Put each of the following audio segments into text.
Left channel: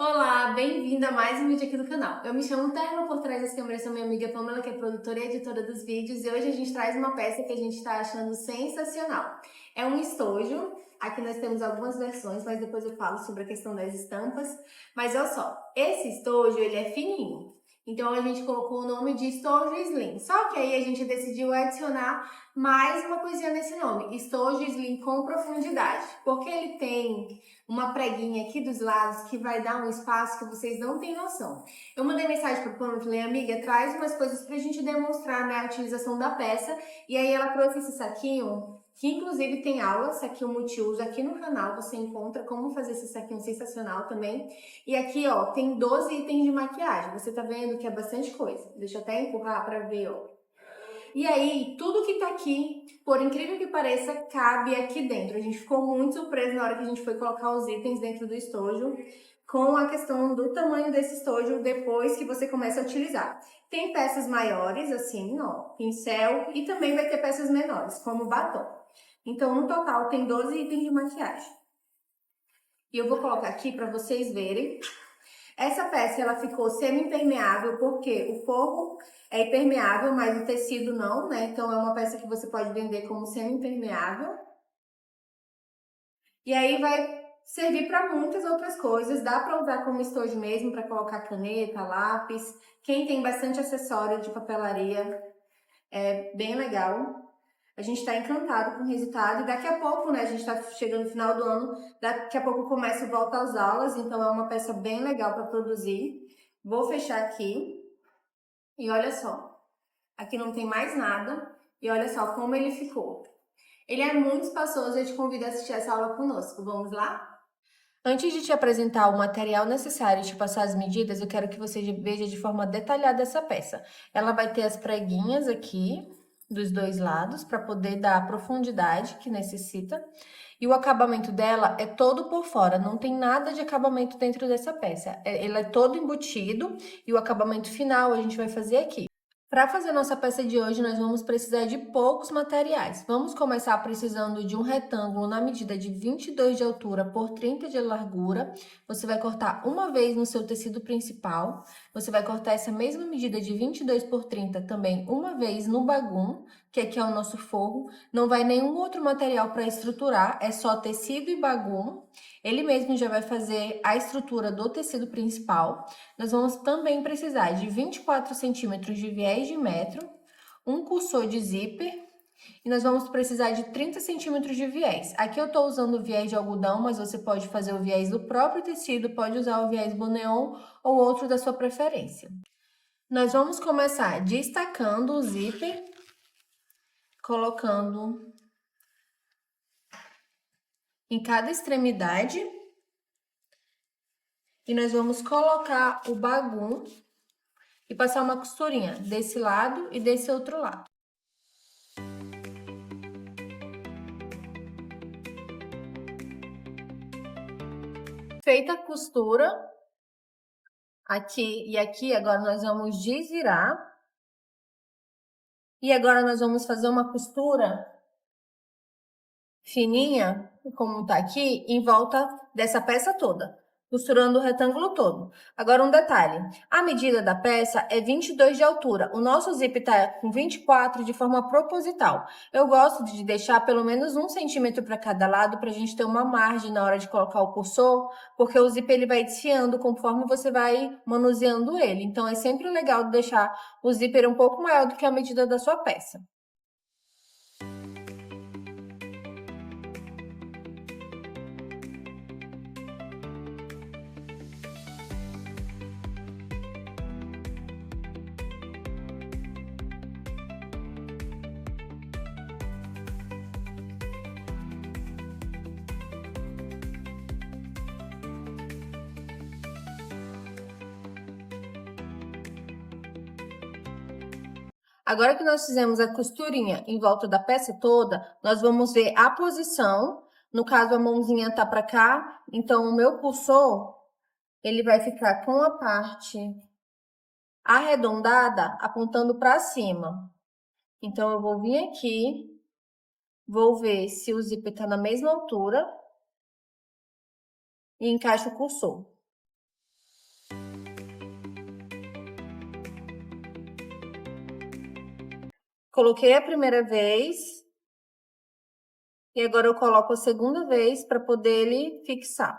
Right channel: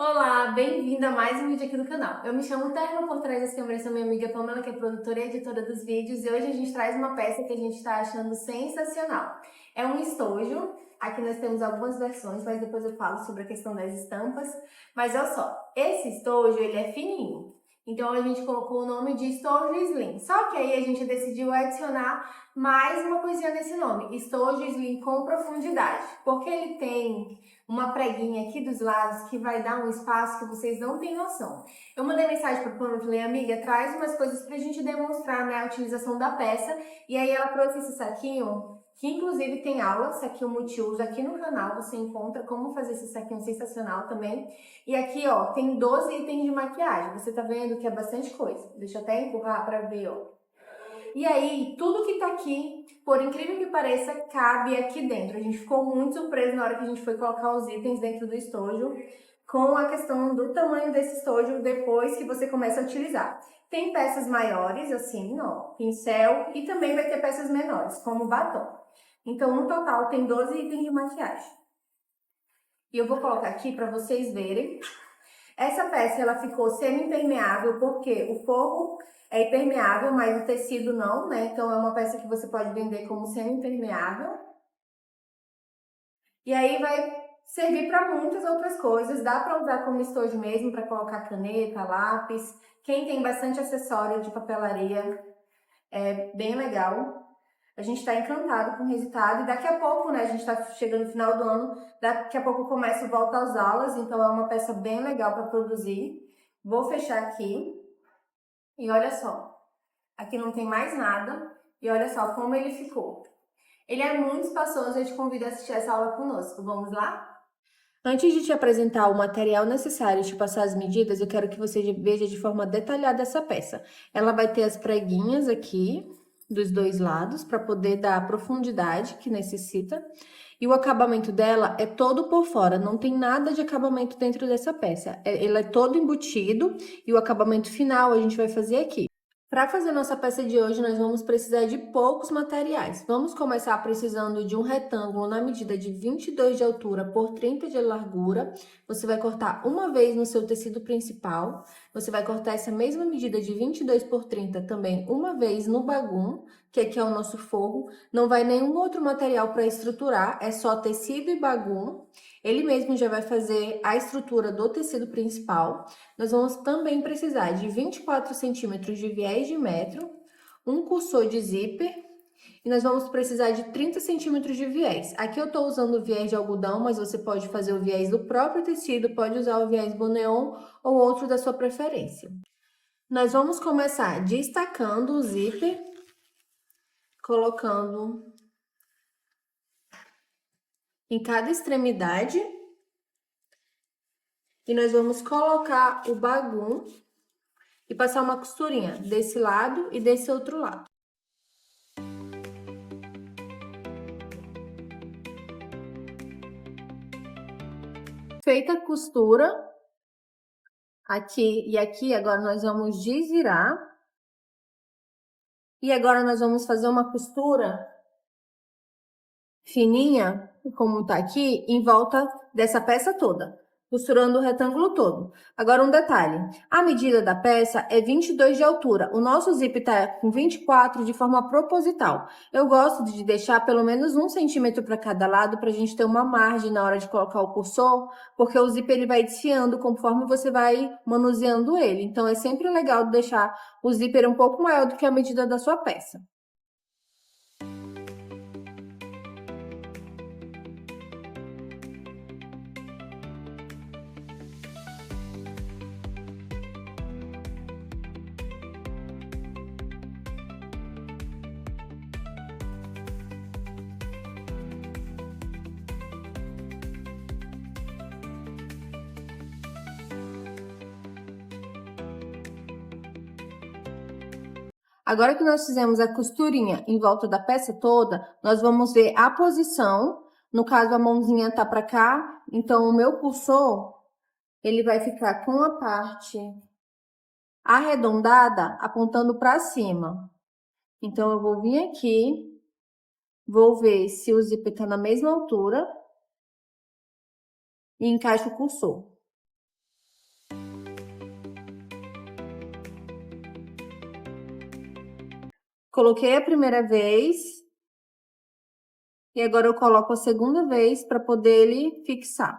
Olá, bem-vinda a mais um vídeo aqui do canal. Eu me chamo Thelma, por trás das câmeras sou minha amiga Pamela, que é produtora e editora dos vídeos, e hoje a gente traz uma peça que a gente está achando sensacional. É um estojo, aqui nós temos algumas versões, mas depois eu falo sobre a questão das estampas. Mas olha só, esse estojo ele é fininho, então a gente colocou o nome de estojo slim. Só que aí a gente decidiu adicionar mais uma coisinha nesse nome, estojo slim com profundidade, porque ele tem uma preguinha aqui dos lados que vai dar um espaço que vocês não têm noção. Eu mandei mensagem para a Pamela e falei, amiga, traz umas coisas para a gente demonstrar, né, a utilização da peça. E aí ela trouxe esse saquinho, que inclusive tem aula, saquinho multiuso aqui no canal, você encontra como fazer esse saquinho sensacional também. E aqui, ó, tem 12 itens de maquiagem, você tá vendo que é bastante coisa. Deixa eu até empurrar para ver, ó. E aí, tudo que tá aqui, por incrível que pareça, cabe aqui dentro. A gente ficou muito surpreso na hora que a gente foi colocar os itens dentro do estojo, com a questão do tamanho desse estojo depois que você começa a utilizar. Tem peças maiores, assim, ó, pincel, e também vai ter peças menores, como batom. Então, no total, tem 12 itens de maquiagem. E eu vou colocar aqui para vocês verem. Essa peça ela ficou semi-impermeável porque o forro é impermeável, mas o tecido não, né? Então é uma peça que você pode vender como semi-impermeável. E aí vai servir para muitas outras coisas. Dá para usar como estojo mesmo, para colocar caneta, lápis. Quem tem bastante acessório de papelaria é bem legal. A gente está encantado com o resultado e daqui a pouco, né, a gente está chegando no final do ano, daqui a pouco começa o volta às aulas, então é uma peça bem legal para produzir. Vou fechar aqui e olha só, aqui não tem mais nada e olha só como ele ficou. Ele é muito espaçoso, eu te convido a assistir essa aula conosco, vamos lá? Antes de te apresentar o material necessário e te passar as medidas, eu quero que você veja de forma detalhada essa peça. Ela vai ter as preguinhas aqui dos dois lados para poder dar a profundidade que necessita. E o acabamento dela é todo por fora, não tem nada de acabamento dentro dessa peça. Ele é todo embutido e o acabamento final a gente vai fazer aqui. Para fazer nossa peça de hoje, nós vamos precisar de poucos materiais. Vamos começar precisando de um retângulo na medida de 22 de altura por 30 de largura. Você vai cortar uma vez no seu tecido principal. Você vai cortar essa mesma medida de 22 por 30 também uma vez no bagum, que aqui é o nosso forro. Não vai nenhum outro material para estruturar, é só tecido e bagum. Ele mesmo já vai fazer a estrutura do tecido principal. Nós vamos também precisar de 24 centímetros de viés de metro, um cursor de zíper e nós vamos precisar de 30 centímetros de viés. Aqui eu estou usando o viés de algodão, mas você pode fazer o viés do próprio tecido, pode usar o viés Boneon ou outro da sua preferência. Nós vamos começar destacando o zíper, colocando em cada extremidade. E nós vamos colocar o bagum e passar uma costurinha desse lado e desse outro lado. Feita a costura, aqui e aqui, agora nós vamos desvirar. E agora nós vamos fazer uma costura fininha, como tá aqui, em volta dessa peça toda, costurando o retângulo todo. Agora um detalhe, a medida da peça é 22 de altura, o nosso zip tá com 24 de forma proposital. Eu gosto de deixar pelo menos 1 centímetro para cada lado, para a gente ter uma margem na hora de colocar o cursor, porque o zip ele vai desfiando conforme você vai manuseando ele. Então é sempre legal deixar o zíper um pouco maior do que a medida da sua peça. Agora que nós fizemos a costurinha em volta da peça toda, nós vamos ver a posição. No caso, a mãozinha tá para cá, então o meu cursor, ele vai ficar com a parte arredondada apontando para cima. Então, eu vou vir aqui, vou ver se o zíper tá na mesma altura e encaixo o cursor. Coloquei a primeira vez e agora eu coloco a segunda vez para poder ele fixar.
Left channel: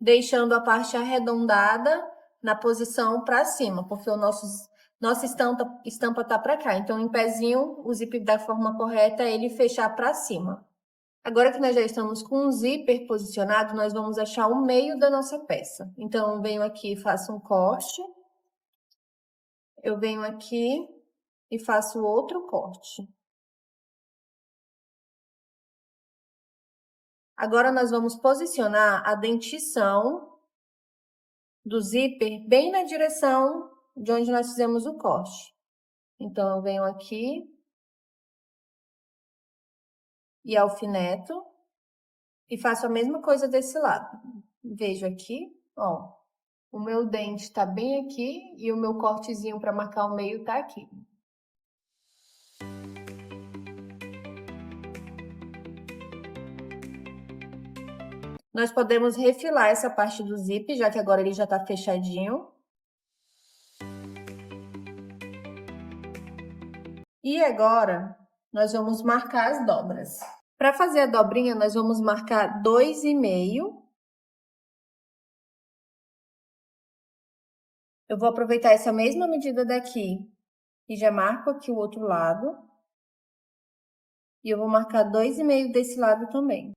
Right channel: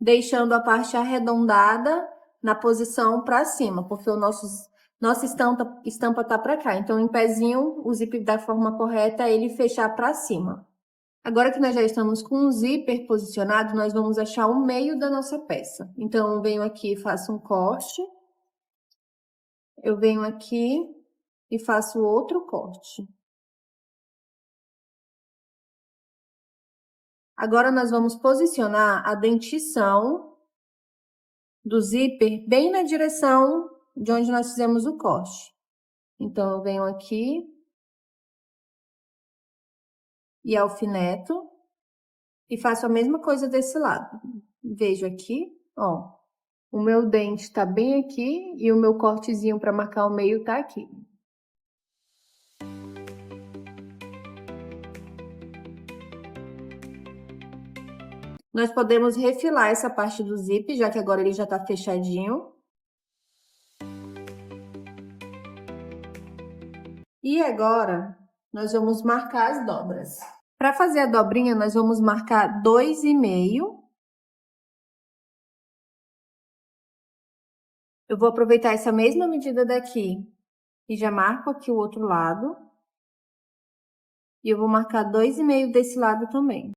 Deixando a parte arredondada na posição para cima, porque nossa estampa tá para cá. Então, em pezinho, o zíper da forma correta é ele fechar para cima. Agora que nós já estamos com o zíper posicionado, nós vamos achar o meio da nossa peça. Então, eu venho aqui e faço um corte. Eu venho aqui e faço outro corte. Agora, nós vamos posicionar a dentição do zíper bem na direção de onde nós fizemos o corte. Então, eu venho aqui e alfineto e faço a mesma coisa desse lado. Vejo aqui, ó, o meu dente tá bem aqui e o meu cortezinho para marcar o meio tá aqui. Nós podemos refilar essa parte do zíper, já que agora ele já tá fechadinho. E agora, nós vamos marcar as dobras. Para fazer a dobrinha, nós vamos marcar 2,5. Eu vou aproveitar essa mesma medida daqui e já marco aqui o outro lado. E eu vou marcar 2,5 desse lado também.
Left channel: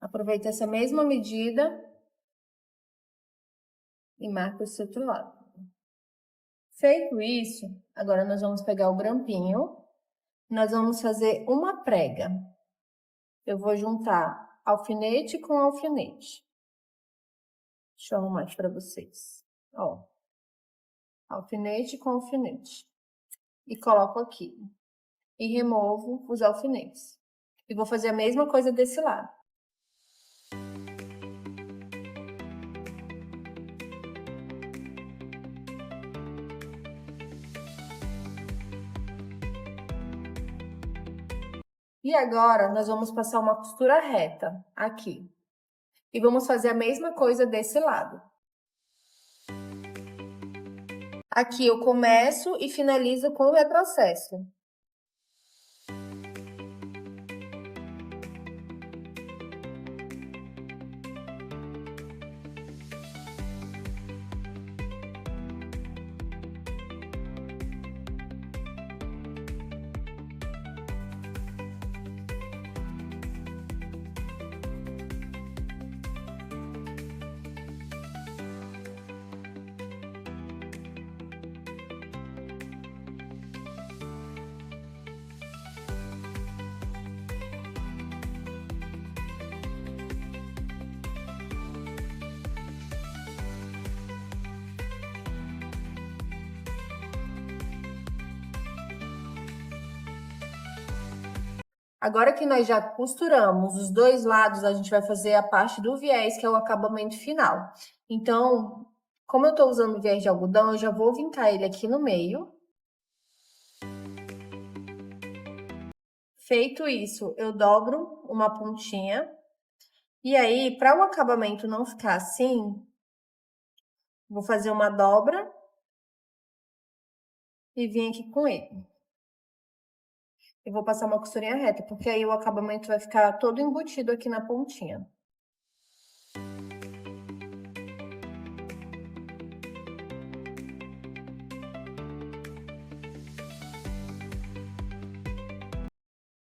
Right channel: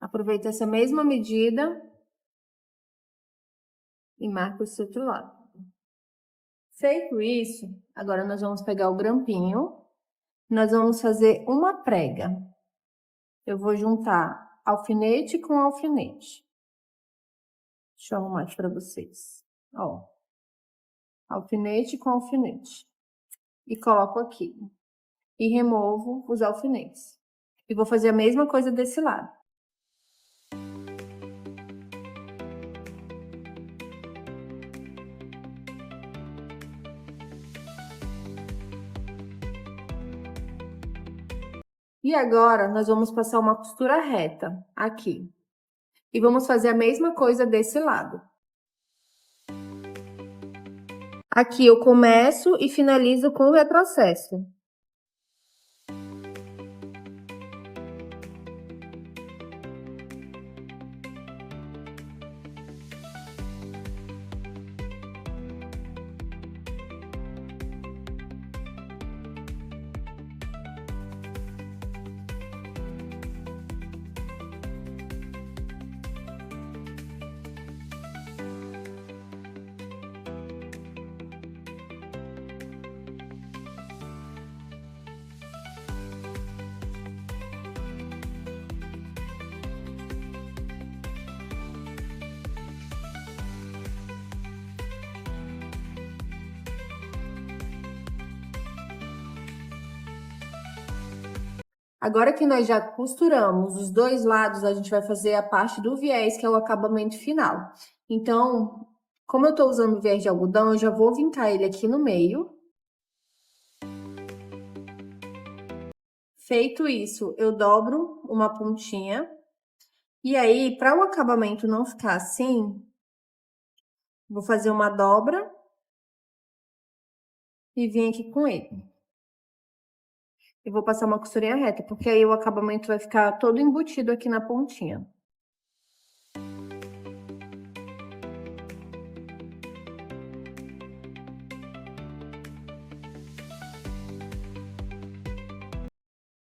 Aproveito essa mesma medida e marco esse outro lado. Feito isso, agora nós vamos pegar o grampinho, nós vamos fazer uma prega. Eu vou juntar alfinete com alfinete. Deixa eu arrumar aqui para vocês. Ó, alfinete com alfinete. E coloco aqui. E removo os alfinetes. E vou fazer a mesma coisa desse lado. E agora, nós vamos passar uma costura reta aqui. E vamos fazer a mesma coisa desse lado. Aqui eu começo e finalizo com o retrocesso. Agora que nós já costuramos os dois lados, a gente vai fazer a parte do viés, que é o acabamento final. Então, como eu tô usando viés de algodão, eu já vou vincar ele aqui no meio. Feito isso, eu dobro uma pontinha. E aí, para o acabamento não ficar assim, vou fazer uma dobra e vir aqui com ele. E vou passar uma costurinha reta, porque aí o acabamento vai ficar todo embutido aqui na pontinha.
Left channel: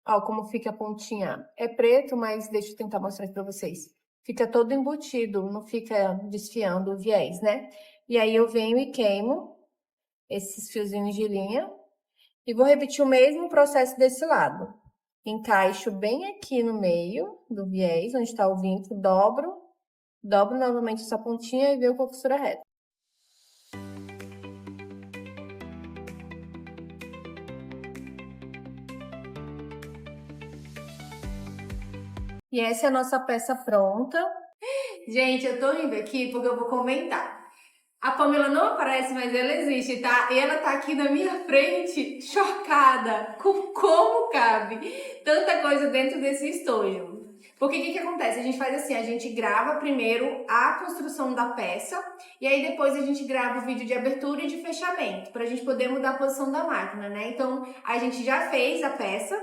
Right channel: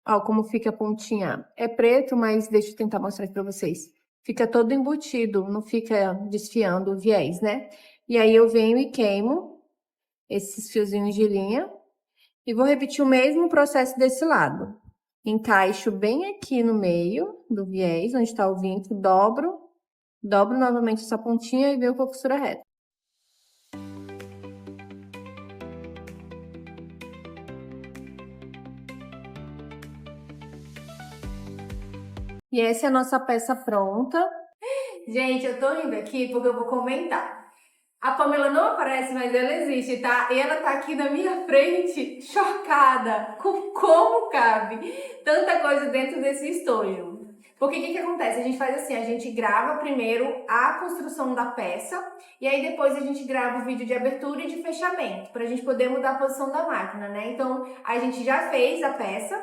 Ó, como fica a pontinha. É preto, mas deixa eu tentar mostrar aqui pra vocês. Fica todo embutido, não fica desfiando o viés, né? E aí eu venho e queimo esses fiozinhos de linha. E vou repetir o mesmo processo desse lado. Encaixo bem aqui no meio do viés, onde está o vinco, dobro novamente essa pontinha e venho com a costura reta. E essa é a nossa peça pronta. Gente, eu tô rindo aqui porque eu vou comentar. A Pamela não aparece, mas ela existe, tá? E ela tá aqui na minha frente, chocada com como cabe tanta coisa dentro desse estojo. Porque o que acontece? A gente faz assim, a gente grava primeiro a construção da peça e aí depois a gente grava o vídeo de abertura e de fechamento, para a gente poder mudar a posição da máquina, né? Então, a gente já fez a peça,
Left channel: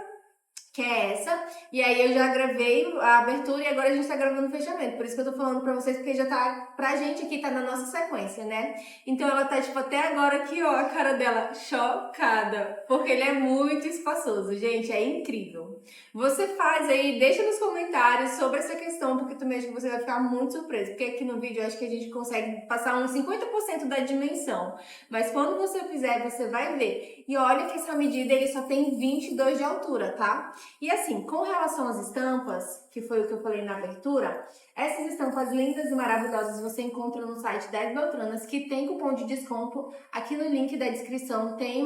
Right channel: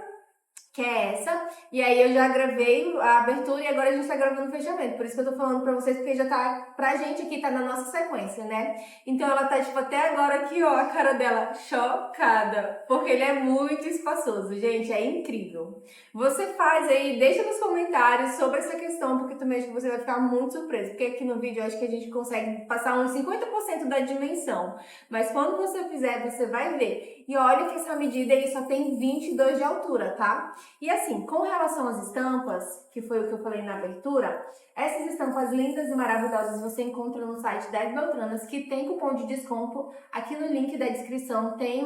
que é essa, e aí eu já gravei a abertura e agora a gente tá gravando o fechamento, por isso que eu tô falando pra vocês, porque já tá, pra gente aqui, tá na nossa sequência, né? Então ela tá, tipo, até agora aqui, ó, a cara dela chocada, porque ele é muito espaçoso, gente, é incrível. Você faz aí, deixa nos comentários sobre essa questão, porque também acho que você vai ficar muito surpreso, porque aqui no vídeo eu acho que a gente consegue passar uns 50% da dimensão, mas quando você fizer, você vai ver. E olha que essa medida ele só tem 22 de altura, tá? E assim, com relação às estampas, que foi o que eu falei na abertura, essas estampas lindas e maravilhosas você encontra no site 10 Beltranas, que tem cupom de desconto. Aqui no link da descrição tem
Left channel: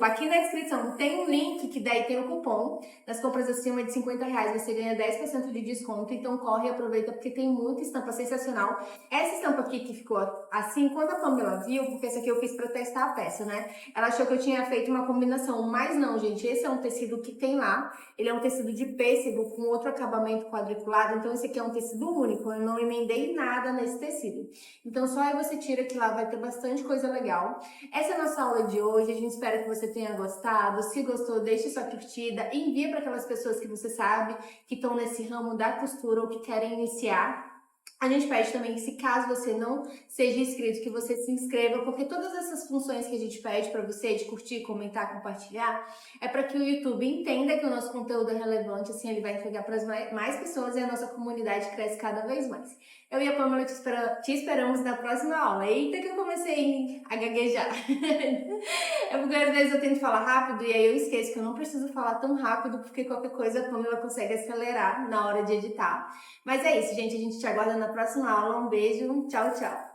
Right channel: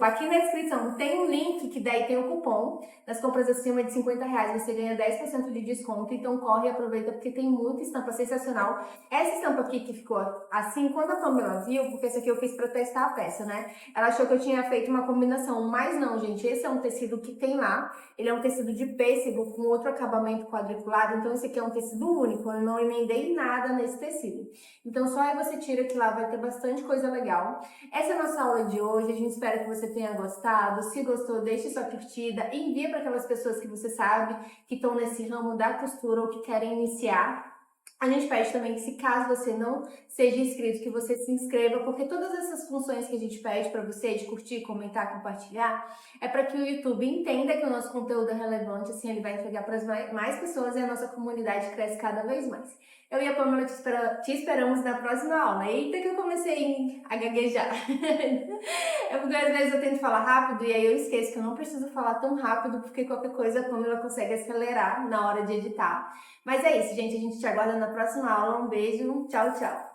aqui na descrição tem um link que daí tem o cupom. Nas compras acima de R$ 50 você ganha 10% de desconto, então corre e aproveita porque tem muita estampa sensacional. Essa estampa aqui que ficou assim, quando a Pamela viu, porque essa aqui eu fiz para testar a peça, né? Ela achou que eu tinha feito uma combinação, mas não, gente, esse é um tecido que tem lá. Ele é um tecido de pêssego com outro acabamento quadriculado, então esse aqui é um tecido único, eu não emendei nada nesse tecido. Então só aí você tira que lá vai ter bastante coisa legal. Essa é a nossa aula de hoje, a gente espera que você tenha gostado. Se gostou, deixe sua curtida, envia para aquelas pessoas que você sabe que estão nesse ramo da costura ou que querem iniciar. A gente pede também que, se caso você não seja inscrito, que você se inscreva, porque todas essas funções que a gente pede para você, de curtir, comentar, compartilhar, é para que o YouTube entenda que o nosso conteúdo é relevante, assim ele vai entregar para mais pessoas e a nossa comunidade cresce cada vez mais. Eu e a Pamela te esperamos na próxima aula. Eita que eu comecei a gaguejar. É porque às vezes eu tento falar rápido e aí eu esqueço que eu não preciso falar tão rápido, porque qualquer coisa a Pamela consegue acelerar na hora de editar. Mas é isso, gente. A gente te aguarda na próxima aula. Um beijo. Tchau, tchau.